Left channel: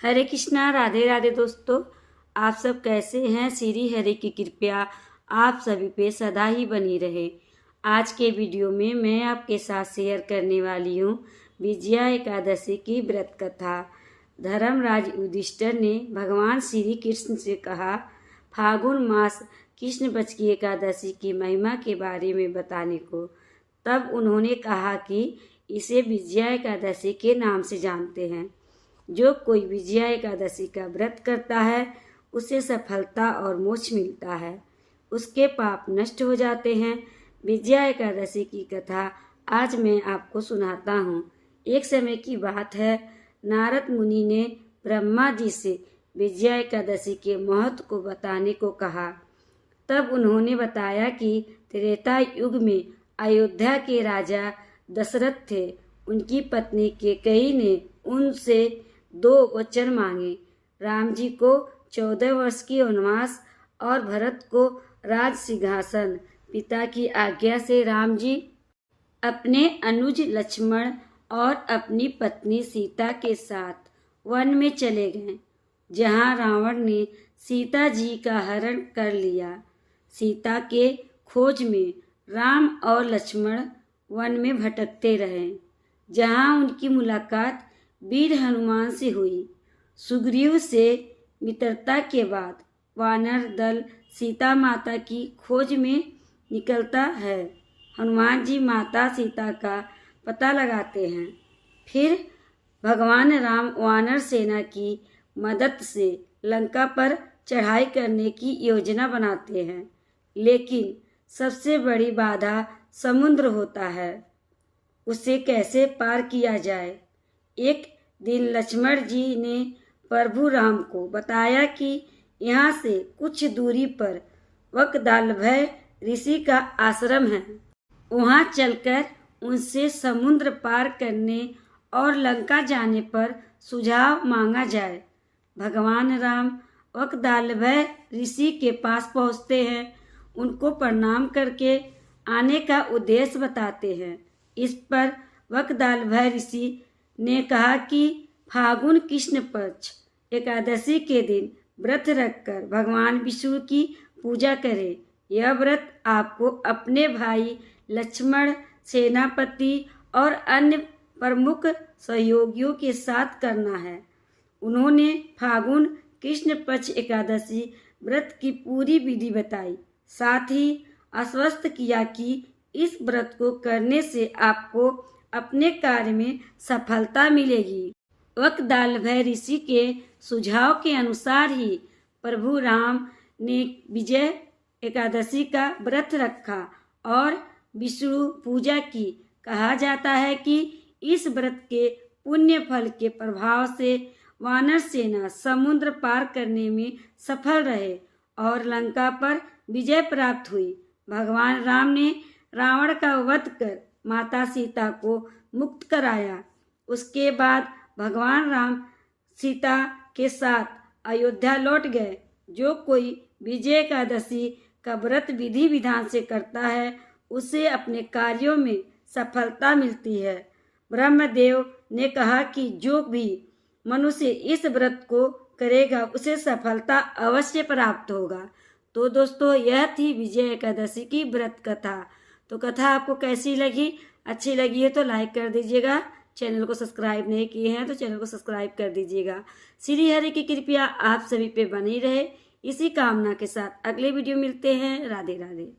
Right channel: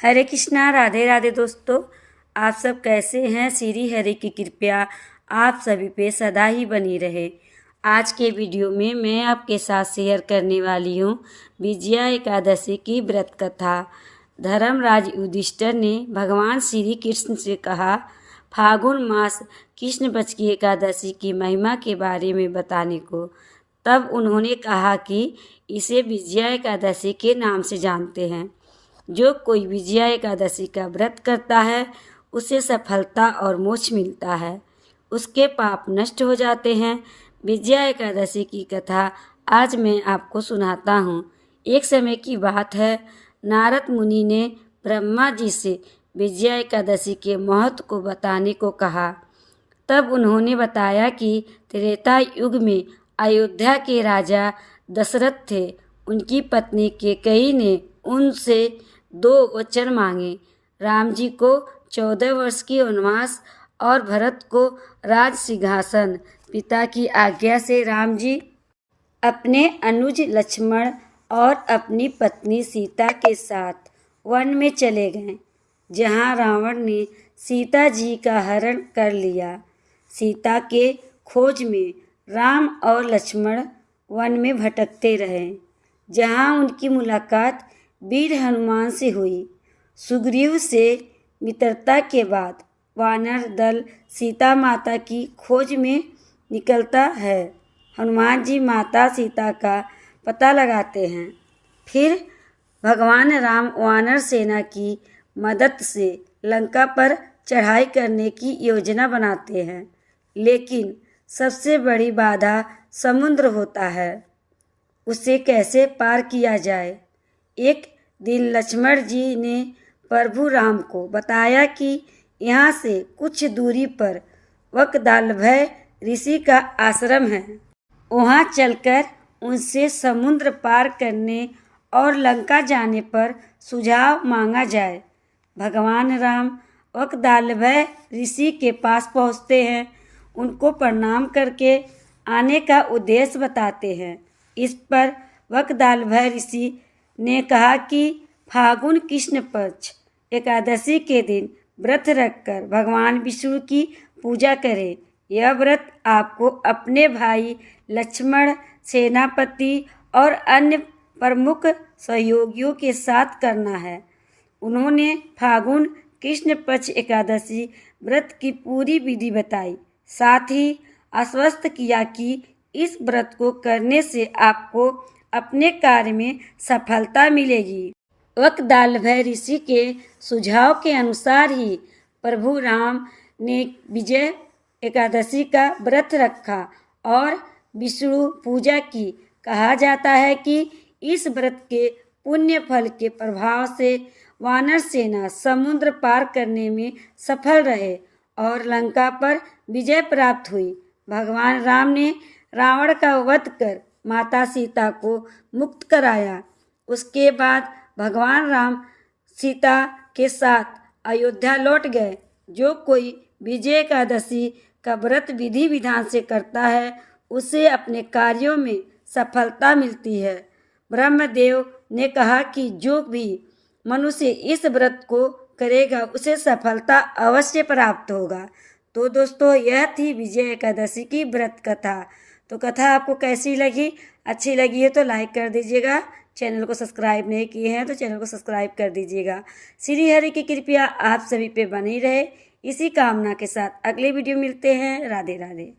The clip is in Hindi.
हरे कृष्णा, राधे राधे दोस्तों। आप सब कैसे हैं? श्री हरि की कृपया आप सभी पे सदा ही बनी रहे। आज के वीडियो में मैं आपके साथ शेयर करने वाली हूँ विजया एकादशी की व्रत कथा। धर्मराज युधिष्ठिर ने भगवान श्री कृष्ण से कहा, फागुन मास कृष्ण पक्ष की एकादशी की महिमा के बारे में बताने को। तब उन्होंने कहा कि इसे विजया एकादशी के नाम से जानते हैं। जो कोई विजया एकादशी का व्रत करता है उसे सफलता और मोक्ष मिलता है, उसके पाप नष्ट हो जाते हैं। विजया एकादशी की कथा आज मैं आपको सुनाता हूँ। एक समय की बात है, नारद मुनि ने ब्रह्मा जी से विजया एकादशी के महत्व को बताने को कहा। तब उन्होंने बताया कि त्रेता युग में अयोध्या के राजा दशरथ थे। उनकी पत्नी कैकेयी ने उनसे 2 वचन मांगे। राम जी को 14 वर्ष की वनवास और भरत को राज सिंहासन। पिता की आज्ञा से राम जी अपने अनुज लक्ष्मण और अपनी पत्नी सीता के साथ वन में चले गए, जहाँ रावण ने सीता जी का हरण कर लिया। सीता के खोज में राम और लक्ष्मण वन में भटकते रहे, जहाँ उनकी मुलाकात वीर हनुमान से हुई। सुग्रीव से मित्रता के बाद वानर दल सीता माता की खोज में निकलता है। हनुमान जी माता सीता का पता लगाते हैं। फिर भगवान राम वानर सेना की मदद से लंका पर चढ़ाई करने की योजना बनाते हैं, लेकिन सबसे बड़ी बाधा समुद्र होता है। उसे कैसे पार किया जाए? एक दिन लक्ष्मण जी ने प्रभु राम को बताया कि यहाँ से कुछ दूरी पर वकदालभय ऋषि का आश्रम है। वहाँ चलकर उनसे समुद्र पार करने और लंका जाने पर सुझाव मांगा जाए। भगवान राम वकदालभय ऋषि के पास पहुँचते हैं, उनको प्रणाम करके आने का उद्देश्य बताते हैं। इस पर वकदालभय ऋषि ने कहा कि फागुन कृष्ण पक्ष एकादशी के दिन व्रत रखकर भगवान विष्णु की पूजा करें। यह व्रत आपको अपने भाई लक्ष्मण, सेनापति और अन्य प्रमुख सहयोगियों के साथ करना है। उन्होंने फागुन कृष्ण पक्ष एकादशी व्रत की पूरी विधि बताई, साथ ही आश्वस्त किया कि इस व्रत को करने से आपको अपने कार्य में सफलता मिलेगी। वकदालभय ऋषि के सुझाव के अनुसार ही प्रभु राम ने विजय एकादशी का व्रत रखा और विष्णु पूजा की। कहा जाता है कि इस व्रत के पुण्य फल के प्रभाव से वानर सेना समुद्र पार करने में सफल रहे और लंका पर विजय प्राप्त हुई। भगवान राम ने रावण का वध कर माता सीता को मुक्त कराया। उसके बाद भगवान राम सीता के साथ अयोध्या लौट गए। जो कोई विजय एकादशी का व्रत विधि विधान से करता है उसे अपने कार्यों में सफलता मिलती है। ब्रह्मदेव ने कहा कि जो भी मनुष्य इस व्रत को करेगा उसे सफलता अवश्य प्राप्त होगा। तो दोस्तों, यह थी विजय एकादशी की व्रत कथा। तो कथा आपको कैसी लगी? अच्छी लगी है तो लाइक कर दीजिएगा। चैनल को सब्सक्राइब नहीं किए हैं तो चैनल को सब्सक्राइब कर दीजिएगा। श्री हरि की कृपया आप सभी पे बनी रहे, इसी कामना के साथ अगले वीडियो मिलते हैं। राधे राधे।